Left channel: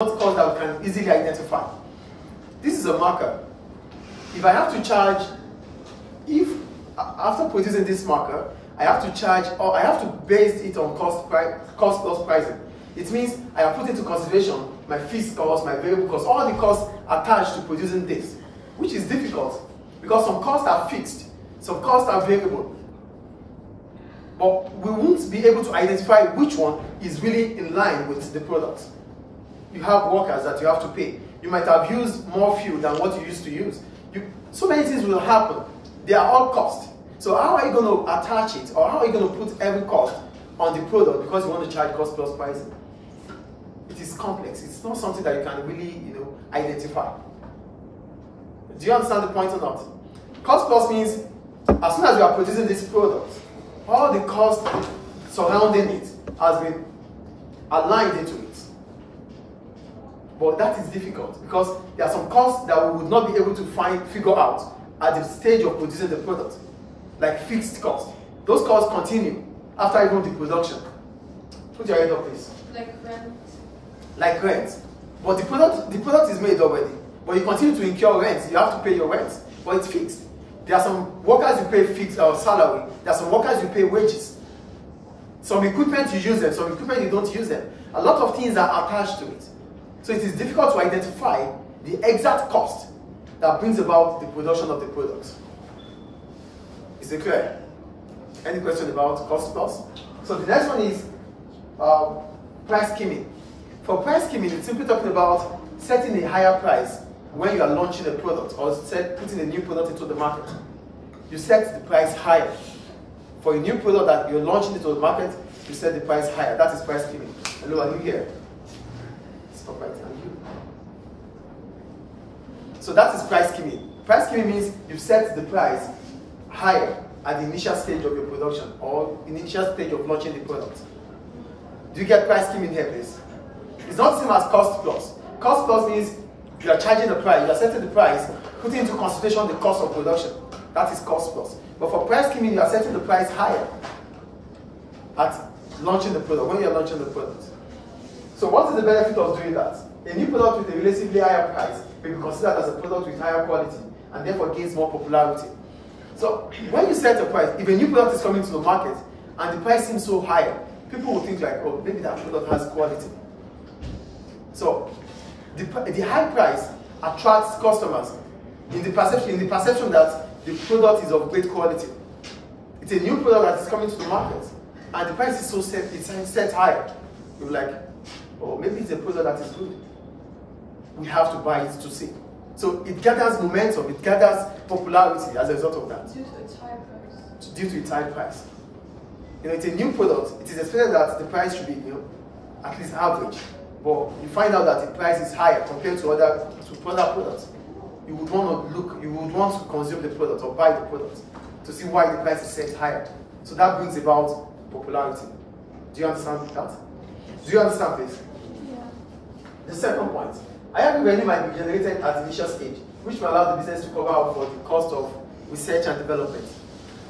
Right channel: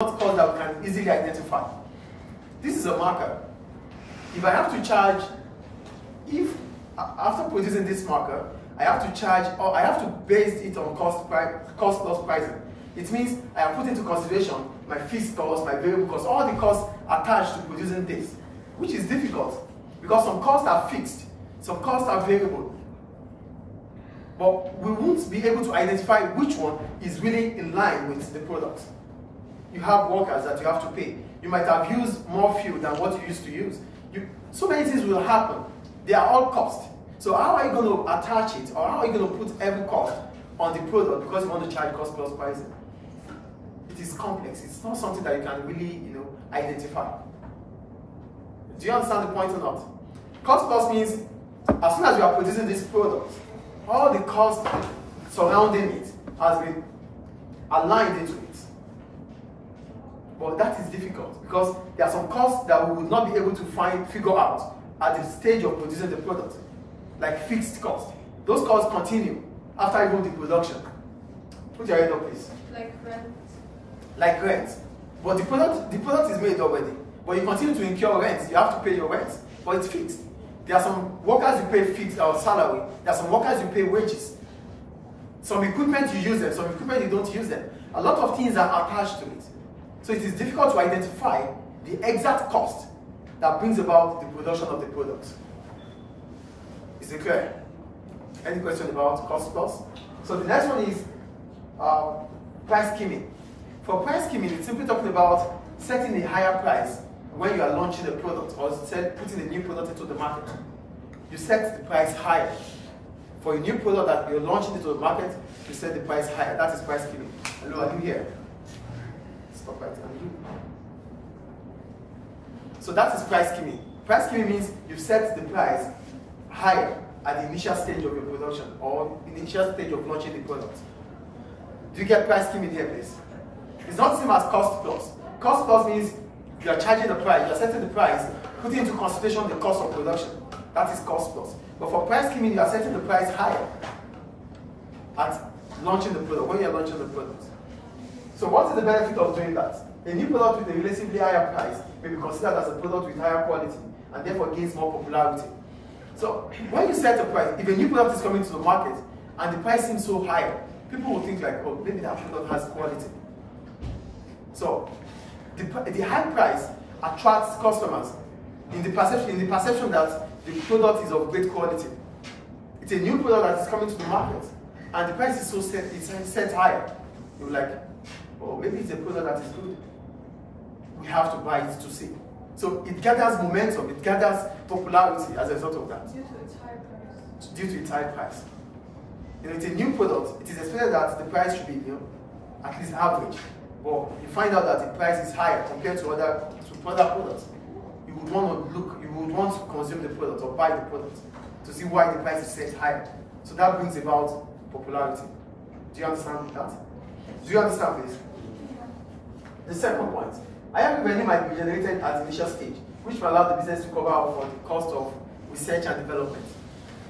not cost that we can easily identify. This is a marker. If I have to charge, if after producing this marker, I have to charge, or I have to base it on cost plus pricing. It means I have put into consideration my fixed costs, my variable costs, all the costs attached to producing this, which is difficult because some costs are fixed, some costs are variable. But we won't be able to identify which one is really in line with the product. You have workers that you have to pay. You might have used more fuel than what you used to use. So many things will happen. They are all cost. So how are you going to attach it, or how are you going to put every cost on the product because you want to charge cost plus pricing? It is complex. It's not something that you can really, identify. Do you understand the point or not? Cost plus means as soon as you are producing this product, all the cost surrounding it has been aligned into it. But that is difficult because there are some costs that we would not be able to figure out at the stage of producing the product, like fixed costs. Those costs continue after even the production. Put your hand up, please. Like rent. Like rent. But the product is made already. But you continue to incur rent. You have to pay your rent, but it's fixed. There are some workers you pay fixed salary. There are some workers you pay wages. Some equipment you use them, some equipment you don't use them. A lot of things are attached to it. So it is difficult to identify the exact cost that brings about the production of the products. Is it clear? Any question about cost plus? So the next one is price skimming. For price skimming, it's simply talking about setting a higher price when you are launching a product or putting a new product into the market. You set the price higher. For a new product that you're launching into the market, you set the price higher. That is price skimming. Hello, are you here? Stop right on you. So that is price skimming. Price skimming means you've set the price higher at the initial stage of your production or initial stage of launching the product. Do you get price skimming here, please? It's not the same as cost plus. Cost plus means you are charging the price, you are setting the price, putting into consideration the cost of production. That is cost plus. But for price skimming, you are setting the price higher at launching the product, when you are launching the product. So what is the benefit of doing that? A new product with a relatively higher price may be considered as a product with higher quality and therefore gains more popularity. So when you set a price, if a new product is coming to the market and the price seems so high, people will think like, oh, maybe that product has quality. So the high price attracts customers in the perception that the product is of great quality. It's a new product that is coming to the market and the price is so set, it's set higher. You're like, oh, maybe it's a product that is good. We have to buy it to see. So it gathers momentum, it gathers popularity as a result of that. Due to its high price. Due to its high price. It's a new product. It is expected that the price should be, at least average. But you find out that the price is higher compared to other products. You would want to look, you would want to consume the product or buy the product to see why the price is set higher. So that brings about popularity. Do you understand that? Do you understand this? The second point, higher revenue might be generated at the initial stage, which will allow the business to cover up for the cost of research and development.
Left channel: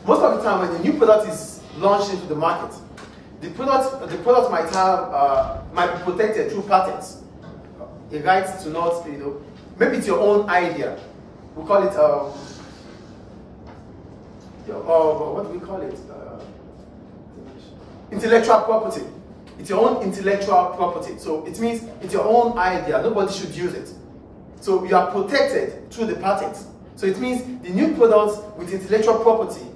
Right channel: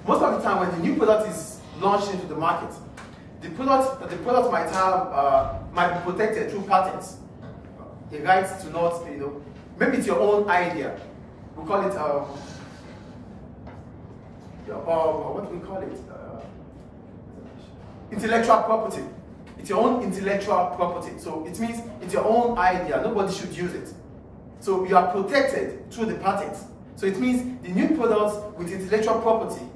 Most of the time, when the new product is launched into the market, the product might be protected through patents. A right to not, maybe it's your own idea. We call it, what do we call it? Intellectual property. It's your own intellectual property. So it means it's your own idea. Nobody should use it. So you are protected through the patents. So it means the new product with intellectual property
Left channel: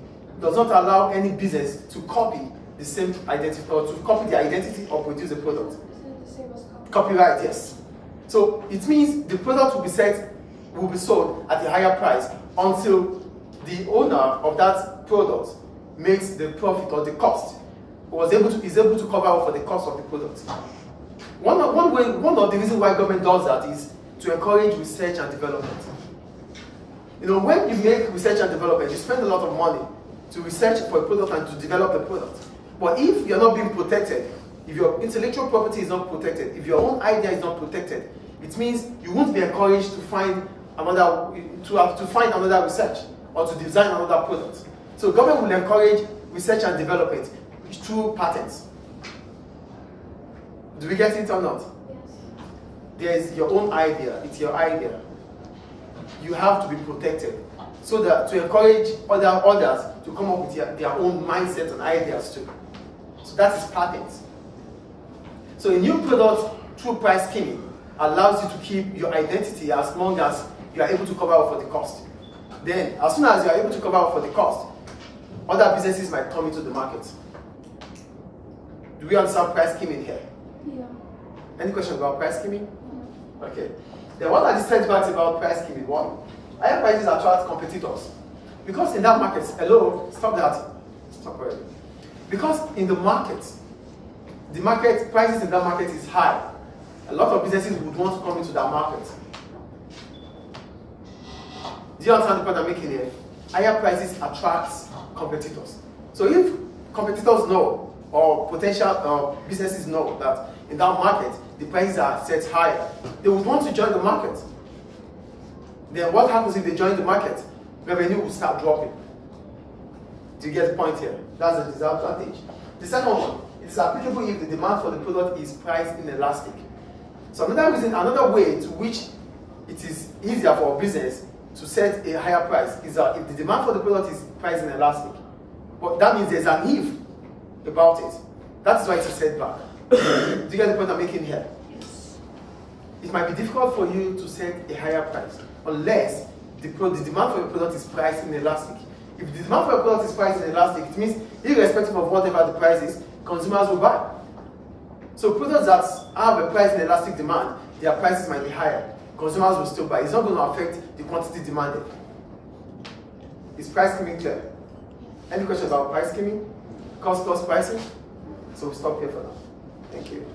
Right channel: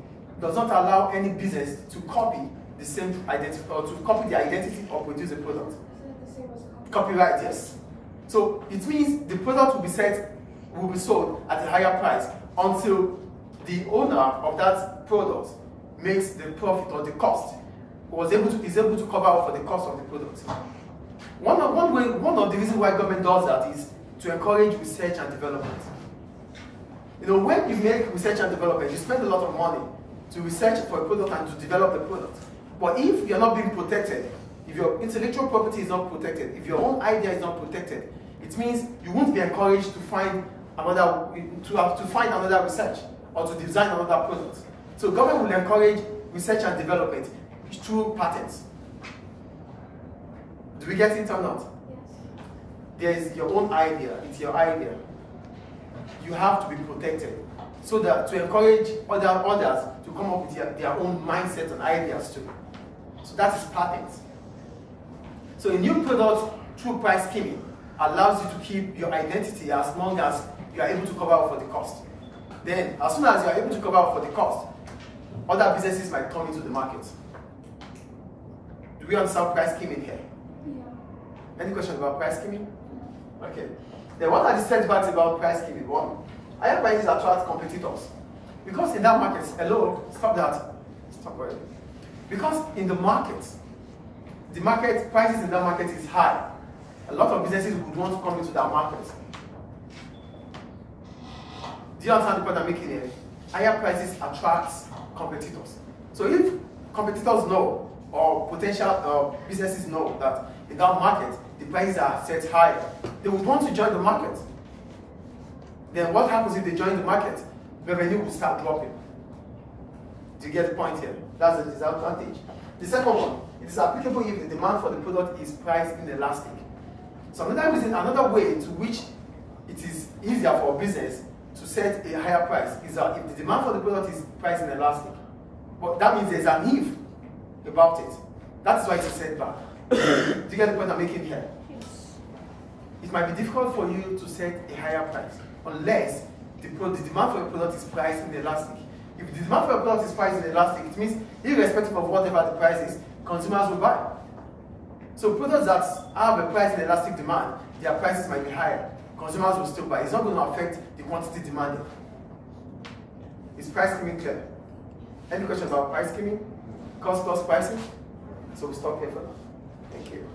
does not allow any business to copy the same identity or to copy the identity or produce a product. Isn't it the same as Copyright, yes. So it means the product will be sold at a higher price until the owner of that product makes the profit or the cost, is able to cover up for the cost of the product. One of the reasons why government does that is to encourage research and development. When you make research and development, you spend a lot of money to research for a product and to develop the product. But if you're not being protected, if your intellectual property is not protected, if your own idea is not protected, it means you won't be encouraged to find another research or to design another product. So government will encourage research and development through patents. Do we get it or not? Yes. there's your own idea. It's your idea. You have to be protected, so that to encourage others to come up with their own mindset and ideas too. So that is patent. So a new product through price skimming allows you to keep your identity as long as you are able to cover up for the cost. Then, as soon as you are able to cover up for the cost, other businesses might come into the market. Do we understand price skimming here? Yeah. Any questions about price skimming? Okay. Then what are the setbacks about price skimming? One, higher prices attract competitors. Because in that market, hello, stop that. Stop it. Because in the market, prices in that market is high. A lot of businesses would want to come into that market. Do you understand the point I'm making here? Higher prices attracts competitors. So if competitors know, or potential businesses know that in that market, the prices are set higher, they would want to join the market. Then what happens if they join the market? Revenue will start dropping. Do you get the point here? That's the disadvantage. The second one, it is applicable if the demand for the product is price inelastic. So another way to which it is easier for a business to set a higher price is that if the demand for the product is price inelastic. But that means there's an if about it. That is why it's a setback. Do you get the point I'm making here? Yes. It might be difficult for you to set a higher price unless the demand for your product is price inelastic. If the demand for your product is price inelastic, it means irrespective of whatever the price is, consumers will buy. So products that have a price inelastic demand, their prices might be higher. Consumers will still buy. It's not going to affect the quantity demanded. Is price skimming clear? Any questions about price skimming? Cost plus pricing? So we stop here for now. Thank you.